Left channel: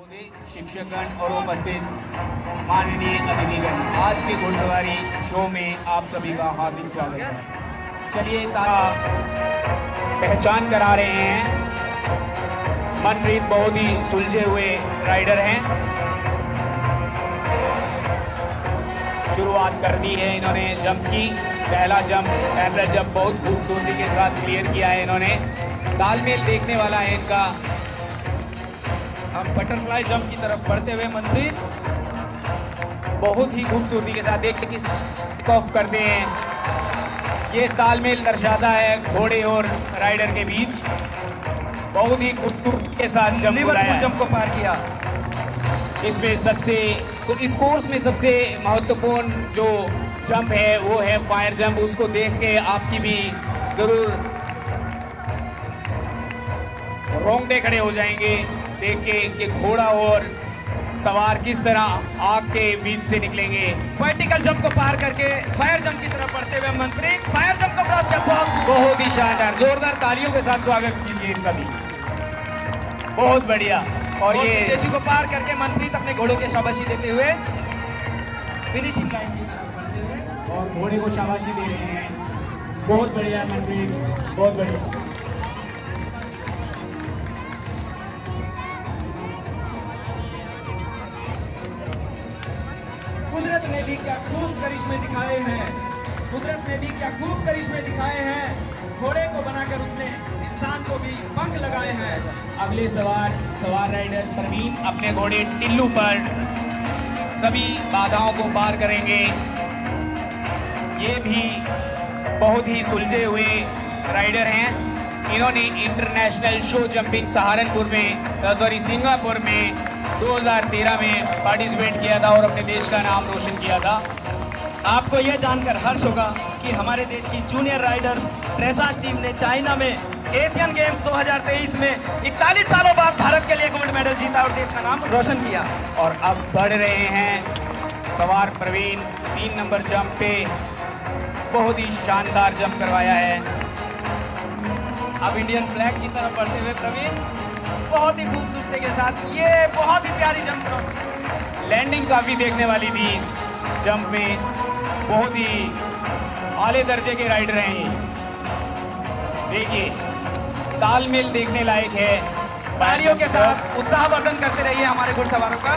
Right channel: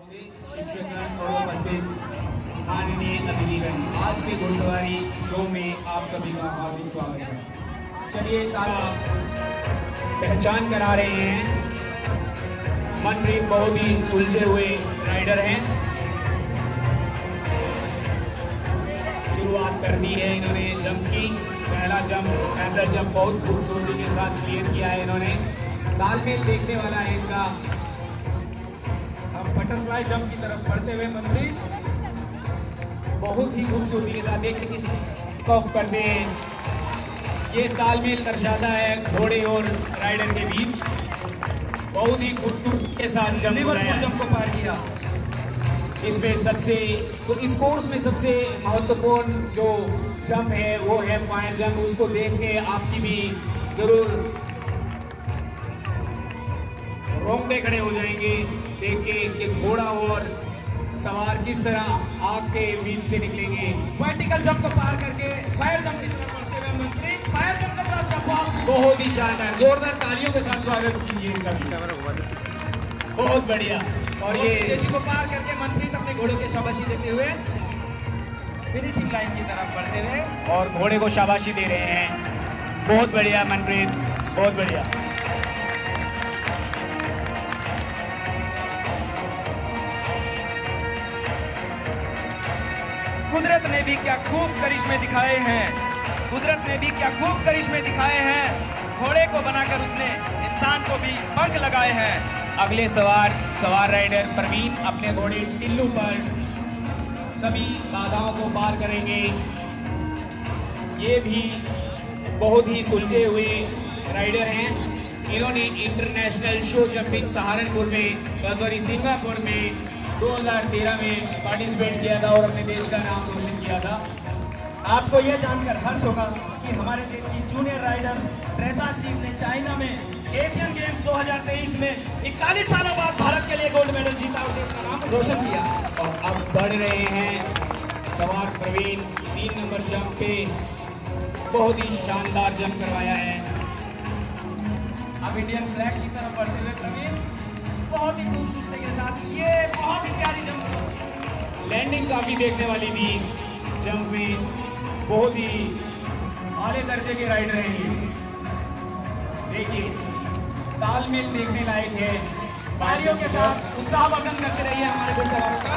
महोदय, शिक्षकगण और उपस्थित माननीय अतिथिगण, आज के घोड़सवारी शो में आप सभी का हार्दिक स्वागत है। चलिए पहचान करा रहे हैं। मनप्रीत बहुत ही सुलझे हुए राइडर हैं। शुरुआत करनी है इन्होंने जंप की। पहला जंप एवरेज जंप बहुत खूबसूरती के साथ क्लियर किया है इन्होंने। तालमेल देखने वाला है इनका। हम बटरफ्लाई जंप की तरफ बढ़ते हुए मनप्रीत बहुत ही खूबसूरती के साथ देखते किस ऑफ करते हैं। ये तालमेल दर्शाता है घोड़े और राइडर के बीच। बहुत ही खूबसूरती के साथ जंप को पार किया। इसमें इस कोर्स में सबसे महत्वपूर्ण जो जंप है वो है फायर जंप। उसको देख के आपकी भी जरूर रोंगटे खड़े हो जाएंगे देख के कि घोड़ा और सवार किस तरह आग के बीच से निकलेंगे। वर्टिकल जंप को पार करके फायर जंप की तरफ बढ़ते हुए मनप्रीत फायर जंप को क्रॉस किया। बहुत ही शानदार, जोरदार तालियों के साथ स्वागत कीजिए इनका भी। बहुत बढ़िया। और ये स्टेचू को पार करके मनप्रीत अपने घोड़ों की शाबाशी देते हुए फिनिशिंग लाइन की तरफ बढ़ते हुए और घोड़े को शाबाशी दे रहे हैं। बहुत बढ़िया मनप्रीत, बहुत बढ़िया। कुदरत ने भी क्या खूब करिश्मे दिखाए हैं। कुदरत ने भी क्या खूब करिश्मे दिखाए हैं। घोड़े को बनाकर उसने इंसान को भी पंख लगाए हैं। अगले सवार राइडर प्रवीण अपने घोड़े टिल्लू पर सभी बाधाओं को पार करेंगे। ये भी बहुत ही सुलझे हुए राइडर हैं। इन्होंने इंटरनेशनल शो जंपिंग सिंगापुर में 2013 में पार्टिसिपेट किया था और अपने देश का नाम रोशन किया था। आपको यह जानकर हर्ष होगा कि हमारे देश की जूनियर राइडर्स ड्रेसाज टीम ने चाइना में एशियन गेम्स 2023 में 41 सालों बाद भारत के लिए गोल्ड मेडल जीता और देश का नाम रोशन किया। और अब बढ़ रहे हैं सवार प्रवीण 3 नंबर जंप पे। बहुत ही शानदार जंप करवाया है। अब इंडियन फ्लैग की तरफ बढ़ते हुए प्रवीण बहुत ही खूबसूरती के साथ ये बहुत ही प्यारी जंप। लैंडिंग काफी देखने वाली थी इस जंप में। बहुत ही आले दर्जे के राइडर हैं ये। देखिए तालमेल देखने लायक है। तालियों के साथ उत्साहवर्धन करते रहिए हमारे घुड़सवारों का।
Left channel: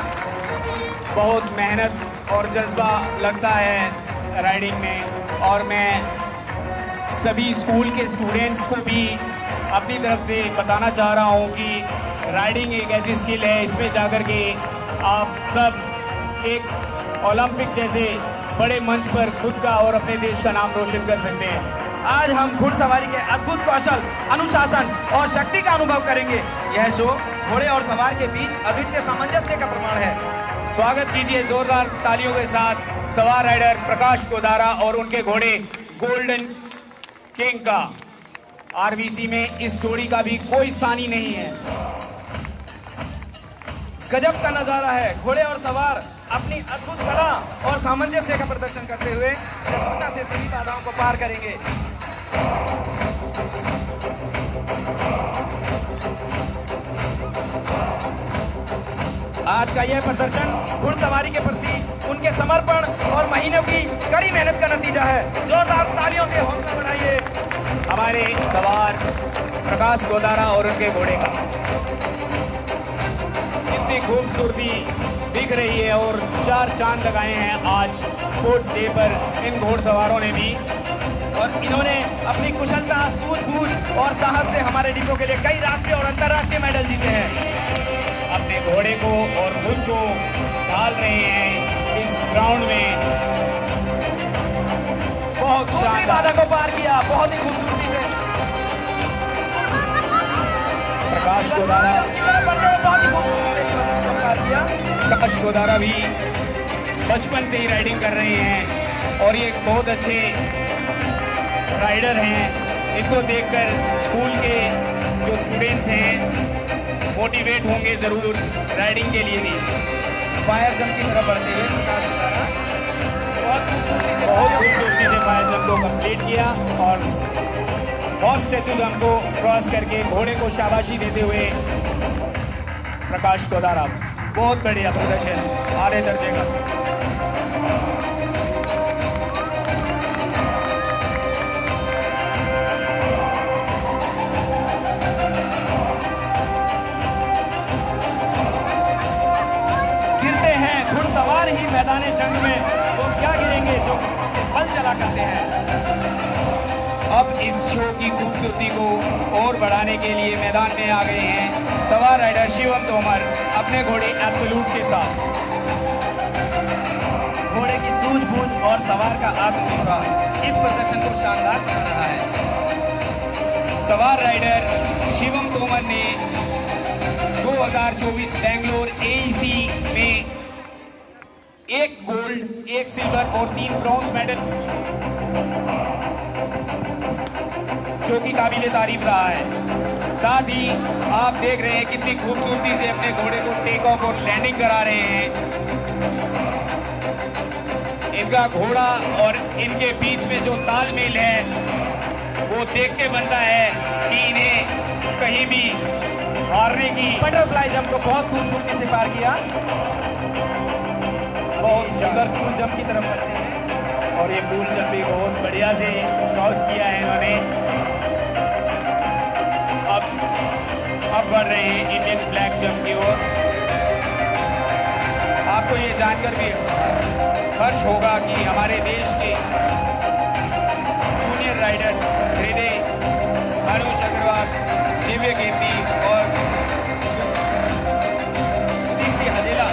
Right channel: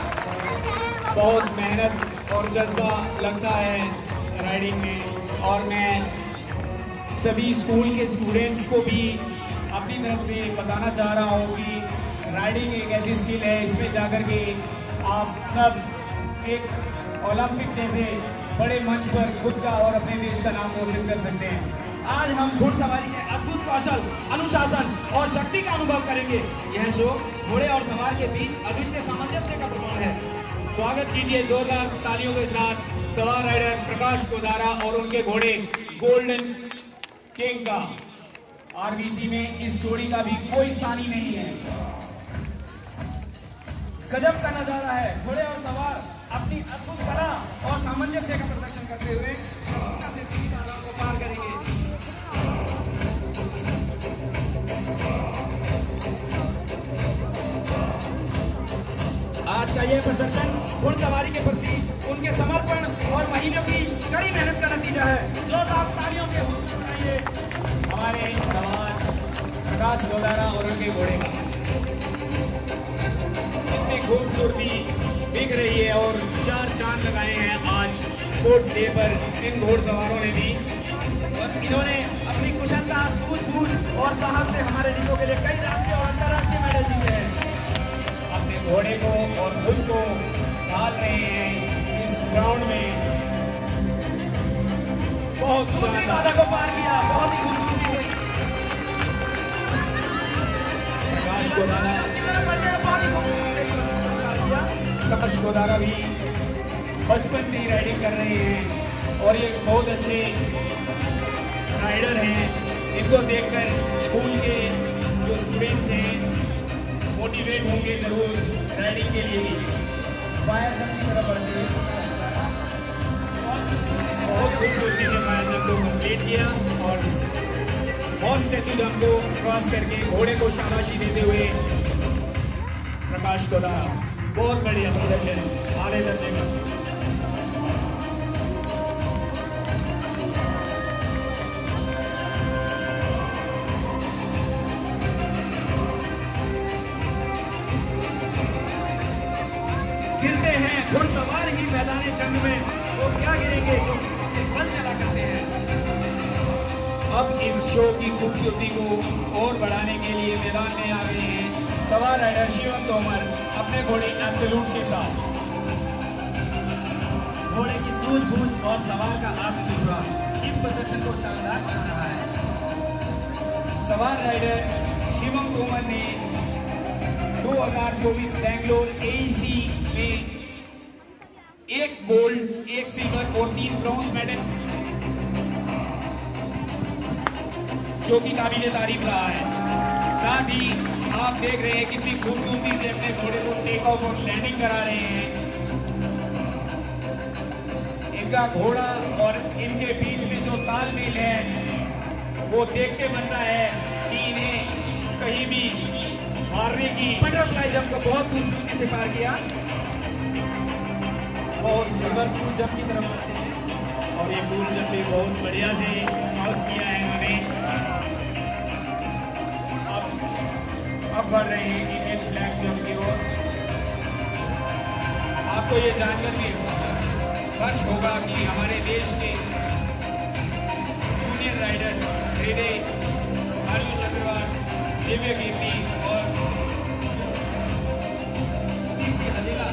बहुत मेहनत और जज्बा लगता है राइडिंग में। और मैं सभी स्कूल के स्टूडेंट्स को भी अपनी तरफ से बताना चाह रहा हूँ कि राइडिंग एक ऐसी स्किल है, इसमें जाकर के आप सब एक ओलंपिक जैसे बड़े मंच पर खुद का और अपने देश का नाम रोशन कर सकते हैं। आज हम घुड़सवारी के अद्भुत कौशल, अनुशासन और शक्ति का अनुभव करेंगे। यह शो घोड़े और सवार के बीच अद्वितीय सामंजस्य का प्रमाण है। स्वागत कीजिए जोरदार तालियों के साथ सवार राइडर प्रकाश गोदारा और उनके घोड़े गोल्डन किंग का। आरबीसी में इस जोड़ी का भी कोई सानी नहीं है। गजब का नजारा है। घोड़े और सवार अपनी अद्भुत कला और सामंजस्य का प्रदर्शन करते हुए सफलता से सभी बाधाओं को पार करेंगे। आज का यह प्रदर्शन घुड़सवारी के प्रति उनके समर्पण और महीनों की कड़ी मेहनत का नतीजा है। जोरदार तालियों से हौसला बढ़ाइए हमारे सवार प्रकाश गोदारा और उनके घोड़े का। कितनी खूबसूरती दिख रही है और 4 चांद लगाए हैं आज स्पोर्ट्स डे पर इन घोड़सवारों ने भी। और इन्होंने अपनी कुशलता, सूझबूझ और साहस से हमारे डिपो के लिए कई राष्ट्रीय और अंतर्राष्ट्रीय मेडल जीते हैं। अपने घोड़े को और खुद को ढाल रहे हैं इस ग्राउंड में। बहुत दूसरी बाधा को पार किया बहुत ही खूबसूरती से। प्रकाश गोदारा भी बचपन से ही राइडिंग कर रहे हैं और ये बहुत अच्छे राइडर हैं। इनको देखकर स्कूल के जो स्टूडेंट्स हैं मोटिवेट होंगे जरूर राइडिंग के लिए भी। फायर जंप की तरफ बढ़ते हुए प्रकाश गोदारा बहुत खूबसूरती से फायर जंप को कंप्लीट किया और स्टैचू जंप को क्रॉस करके घोड़े को शाबाशी देते हुए प्रकाश गोदारा। बहुत बढ़िया प्रदर्शन, आधे दर्जे का। घुड़सवार ही मैदानी जंग में तो क्या गिरेंगे जो हल चला करते हैं। अब इस शो की खूबसूरती को और बढ़ाने के लिए मैदान में आ गए हैं सवार राइडर शिवम तोमर अपने घोड़े एब्सोल्यूट के साथ। घोड़े की सूझबूझ और सवार का आत्मविश्वास इस प्रदर्शन को शानदार बना रहा है। सवार राइडर शिवम तोमर ने 2024 बेंगलोर AEC में 1 गोल्ड, 1 सिल्वर और 3 ब्रॉन्ज मेडल, जो कि काबिले तारीफ रहा है। साथ ही आप देख रहे हैं कितनी खूबसूरती से अपने घोड़े को टेक ऑफ और लैंडिंग करा रहे हैं। इनका घोड़ा और इनके बीच में जो तालमेल है वो देख के बनता है कि इन्हें कहीं भी हारने की। बटरफ्लाई जंप को बहुत खूबसूरती से पार किया, बहुत सुंदर कूल जंप की तरफ बढ़ते हैं और ये कूल जंप भी बहुत बढ़िया से क्रॉस किया है इन्होंने। अब बढ़ रहे हैं इंडियन फ्लैग जंप की ओर। आपको ये जानकर भी हर्ष होगा कि हमारे देश के जूनियर राइडर्स हृदय, मनोज अग्रवाल, दिव्य कीर्ति और दीप्ति हजेला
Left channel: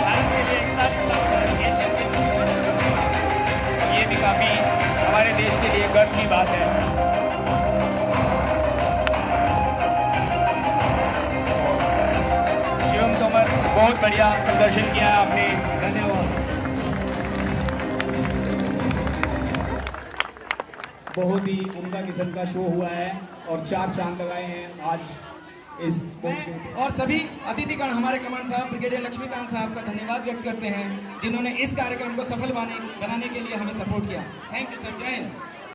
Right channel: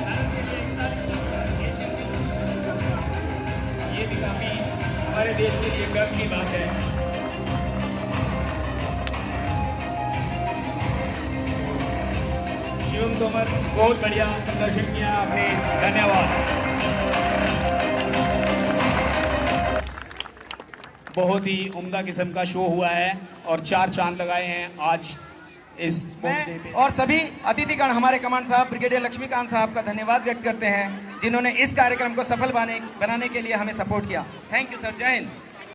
भारत के लिए 41 साल का एशियन गेम ये भी काफी हमारे देश के लिए गर्व की बात है। शिवम तोमर बहुत बढ़िया प्रदर्शन किया आपने, धन्यवाद। बहुत ही उम्दा किस्म का शो हुआ है और 4 चांद लगाए हैं आज इस स्पोर्ट्स डे पे। और सभी अतिथिगण हमारे कमांड साहब ब्रिगेडियर लक्ष्मीकांत साहब का धन्यवाद व्यक्त करते हैं जिन्होंने इस कार्यक्रम को सफल बनाने के लिए हमें सपोर्ट किया। थैंक यू सर, जय हिंद।